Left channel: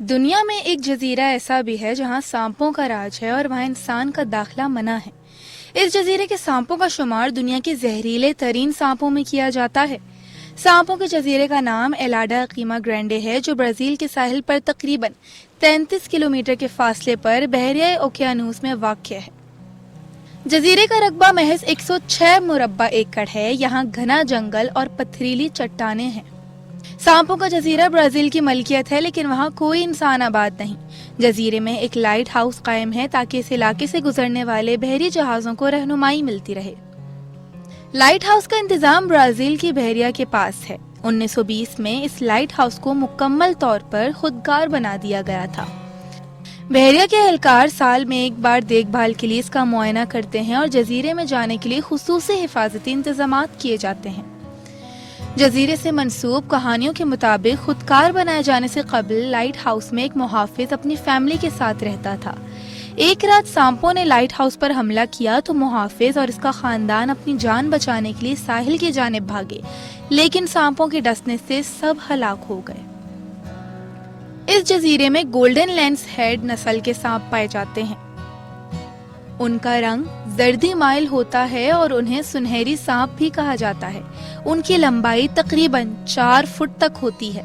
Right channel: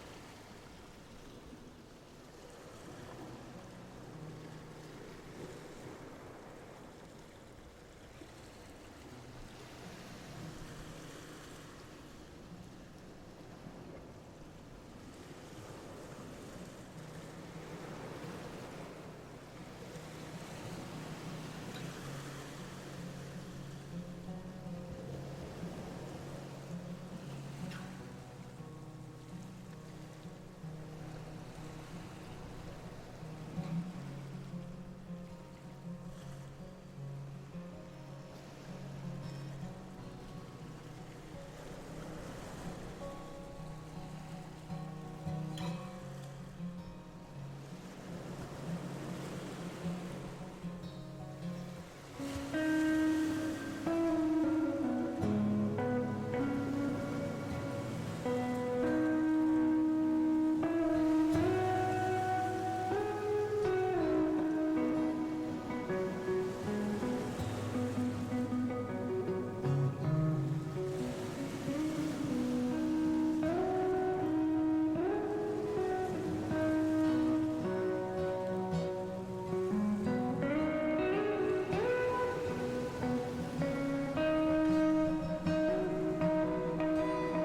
دنیا میں ایک جزیرہ ایسا بھی ہے جہاں سانپوں کا راج ہے اور وہاں انسان کا داخلہ منع ہے۔ اس جزیرے کے سانپوں کا شمار دنیا کے زہریلے ترین سانپوں میں کیا جاتا ہے۔ سانپوں کے جزیرے کا نام ایلاڈا قیما گرینڈے ہے، جو برازیل کے ساحل پر تقریباً 33 کلومیٹر کے فاصلے پر بحیرہ اوقیانوس میں واقع ہے۔ جزیرے کا رقبہ محض 106 مربع ایکڑ ہے۔ یہاں گھنا جنگل اور پتھریلی چٹانیں ہیں۔ سانپوں کا جزیرہ برازیل کی ملکیت ہے، لیکن وہاں کوئی انسان آباد نہیں۔ جزیرے میں ایک لائٹ ہاؤس قائم ہے تاکہ اس علاقے سے گزرنے والے بحری جہازوں کو رہنمائی ملتی رہے۔ لائٹ ہاؤس کا انتظام برازیل کی بحریہ کے پاس ہے۔ 1920 میں اس لائٹ ہاؤس کو مکمل طور پر خودکار بنا دیا گیا تھا۔ بحریہ کے اہلکار سال میں ایک بار دیکھ بھال کے لیے اس کا معائنہ کرتے ہیں اور جزیرے میں جانے کے لیے خصوصی حفاظتی انتظامات کیے جاتے ہیں۔ جزیرے سے منسوب کہانیوں کے مطابق خودکار بنائے جانے سے قبل لائٹ ہاؤس میں ایک محافظ اپنی فیملی کے ساتھ رہتا تھا۔ ایک رات سانپوں نے لائٹ ہاؤس پر حملہ کیا تو محافظ اور اس کا خاندان اپنی جان بچانے کے لیے ساحل کی جانب بھاگے، لیکن سانپوں کے ڈسنے سے سب ہلاک ہو گئے۔ اس جزیرے میں گولڈن لینس ہیڈ نسل کے سانپ پائے جاتے ہیں۔ ان کا رنگ زردی مائل ہوتا ہے اور انہیں سنہری سانپ بھی کہا جاتا ہے۔ ان کی لمبائی تقریباً 4 فٹ تک ہوتی ہے۔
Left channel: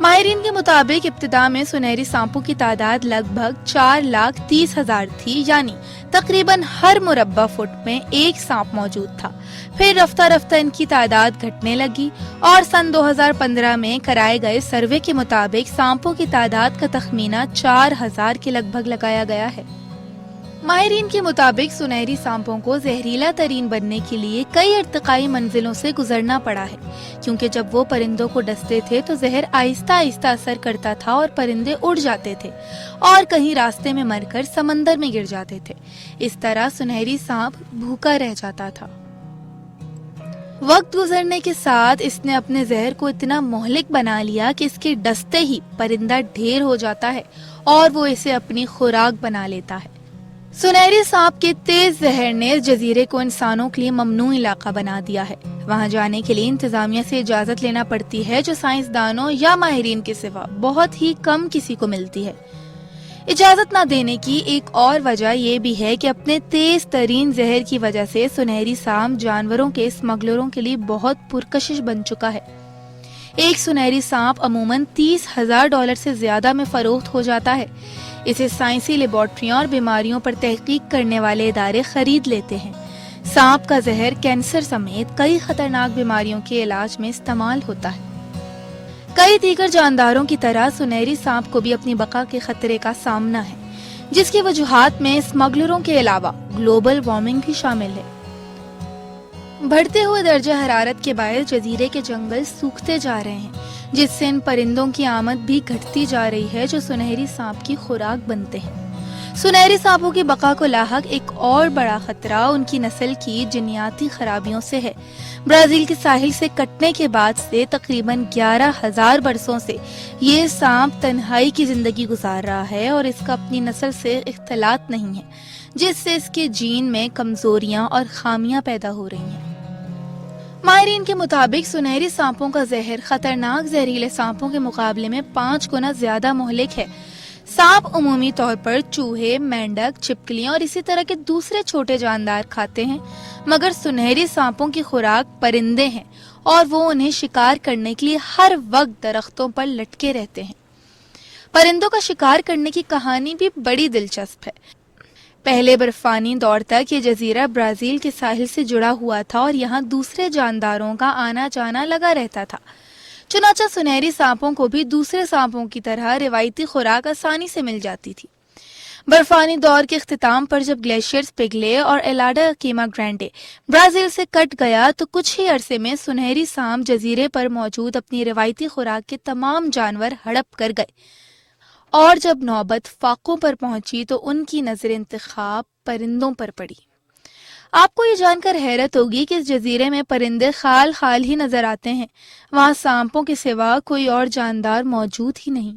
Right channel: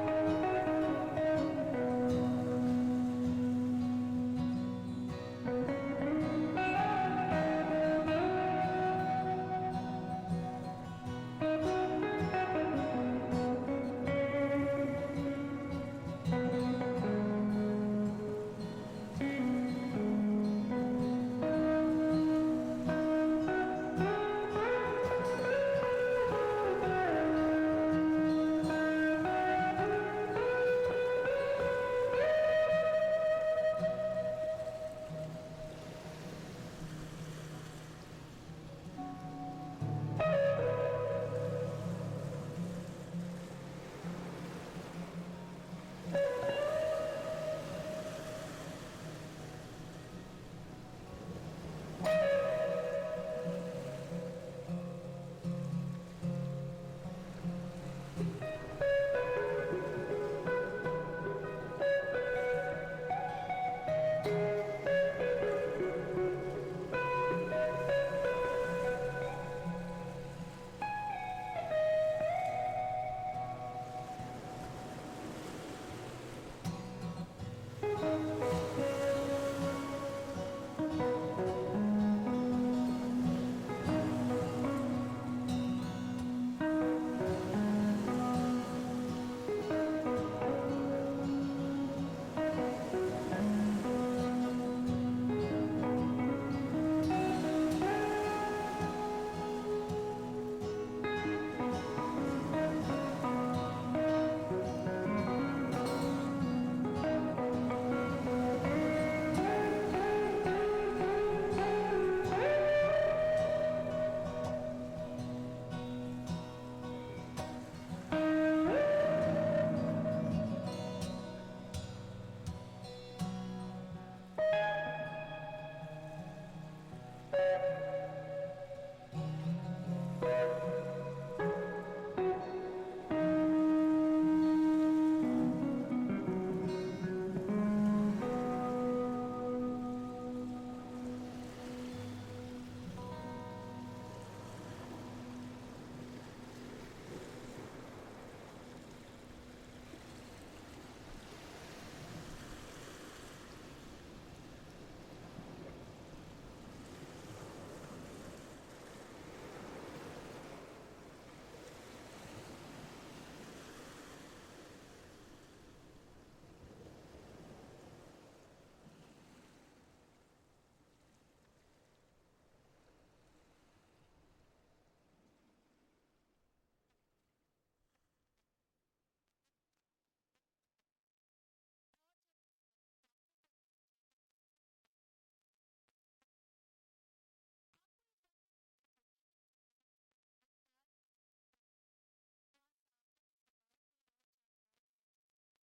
ماہرین کے مطابق ابتدا میں سنہری سانپوں کی تعداد لگ بھگ 4,30,000 تھی، یعنی تقریباً ہر مربع فٹ میں ایک سانپ موجود تھا۔ پھر رفتہ رفتہ ان کی تعداد گھٹنے لگی اور سن 2015 میں کرائے گئے سروے کے مطابق سانپوں کی تعداد کا تخمینہ 4,000 کے لگ بھگ لگایا گیا ہے۔ ماہرین کے مطابق سنہری سانپوں کو زہریلا ترین بننے کے لیے کئی ارتقائی منزلوں سے گزرنا پڑا ہے، کیونکہ جب وہ پرندوں کو ڈستے تھے تو زہر آہستہ آہستہ اثر کرتا تھا اور پرندے اڑ جاتے تھے اور کہیں راستے میں مر کر سمندر میں گر جاتے تھے۔ اس طرح سنہری سانپ بھوکا رہ جاتا تھا۔ وقت گزرنے کے ساتھ اس نے اپنے زہر کو اتنا مہلک بنا لیا کہ اس کے ڈستے ہی پرندہ ڈھیر ہو جاتا ہے اور وہ اسے اپنی خوراک بنا لیتا ہے۔ سنہری سانپ کے تیز زہر نے اس جزیرے کو انسانوں کے لیے ممنوع علاقہ بنا دیا ہے۔ وہاں جانے کے لیے انتظامیہ سے اجازت لینا پڑتی ہے، جو سائنسدانوں یا ماہرین کے سوا بہت ہی کم کسی کو ملتی ہے۔ اجازت نہ دینے کی ایک اور وجہ یہ بھی ہے کہ اپنے تیز ترین زہر کی وجہ سے سنہری سانپ جانوروں کے اسمگلروں کے لیے بہت پرکشش بن چکا ہے۔ ایک سنہری سانپ عموماً $30,000 سے زیادہ میں فروخت ہو جاتا ہے۔ اسے سائنسی لیبارٹریوں اور بیماریوں پر تحقیق کرنے والے ادارے خرید لیتے ہیں۔ سانپ کا زہر کینسر سمیت کئی خطرناک بیماریوں کے علاج میں استعمال ہوتا ہے۔ کئی دیگر جانداروں کی طرح سنہری سانپ کو بھی اپنی بقا کے خطرے کا سامنا ہے، جس کی وجوہات میں اسمگلروں کے علاوہ گلوبل وارمنگ بھی شامل ہے۔ بڑھتے ہوئے درجہ حرارت کے باعث جزیرے کے جنگل سوکھتے جا رہے ہیں، جس سے ان پرندوں کی آمد بھی گھٹتی جا رہی ہے جو سنہری سانپ کی خوراک بنتے ہیں۔ سنہری سانپوں کی بقا کو لاحق ایک اور بڑا خطرہ ان کی نسل کی جنیاتی خرابیوں سے ہے۔ برازیل کے ساحل سے کٹنے کے بعد سے تقریباً 11,000 برسوں سے یہ سانپ تنہائی کی زندگی گزار رہا ہے اور اس کا اپنی نسل سے اختلاط نہیں ہے، جس سے اس کے جین میں کمزوریاں اور خامیاں پیدا ہو رہی ہیں۔ ماہرین کے مطابق سنہری سانپوں کا زہر خطرناک زہریلے سانپوں کے مقابلے میں 5 گنا زیادہ مہلک ہے۔ سانپ عمومی طور پر چوہے، مینڈک، چھپکلیاں اور اسی طرح کے دوسرے چھوٹے جاندار کھاتے ہیں، مگر سنہری سانپوں کی خوراک پرندے ہیں اور وہ انہیں شکار کرنے کے لیے ہر وقت درختوں پر لٹکے رہتے ہیں۔ پرندوں کا شکار کرنے کی کہانی بھی بڑی دلچسپ ہے۔ پہلے برفانی دور تک یہ جزیرہ برازیل کے ساحل سے جڑا ہوا تھا اور یہاں دوسرے جانداروں کا آنا جانا لگا رہتا تھا۔ چنانچہ سنہری سانپوں کو بھی دوسرے سانپوں کی طرح روایتی خوراک آسانی سے مل جاتی تھی۔ برفانی دور کے اختتام پر جب گلیشیئرز پگھلے اور ایلاڈا قیما گرینڈے برازیل سے کٹ گیا تو کچھ ہی عرصے میں سنہری سانپ جزیرے پر موجود اپنی روایتی خوراک کے تمام جانور ہڑپ کر گئے، اور جب نوبت فاقوں پر پہنچی تو ان کی نظر انتخاب پرندوں پر پڑی۔ آپ کو یہ جان کر حیرت ہوگی کہ اس جزیرے میں پرندے خال خال ہی نظر آتے ہیں۔ وہاں سانپوں کے سوا کوئی اور جاندار موجود ہی نہیں۔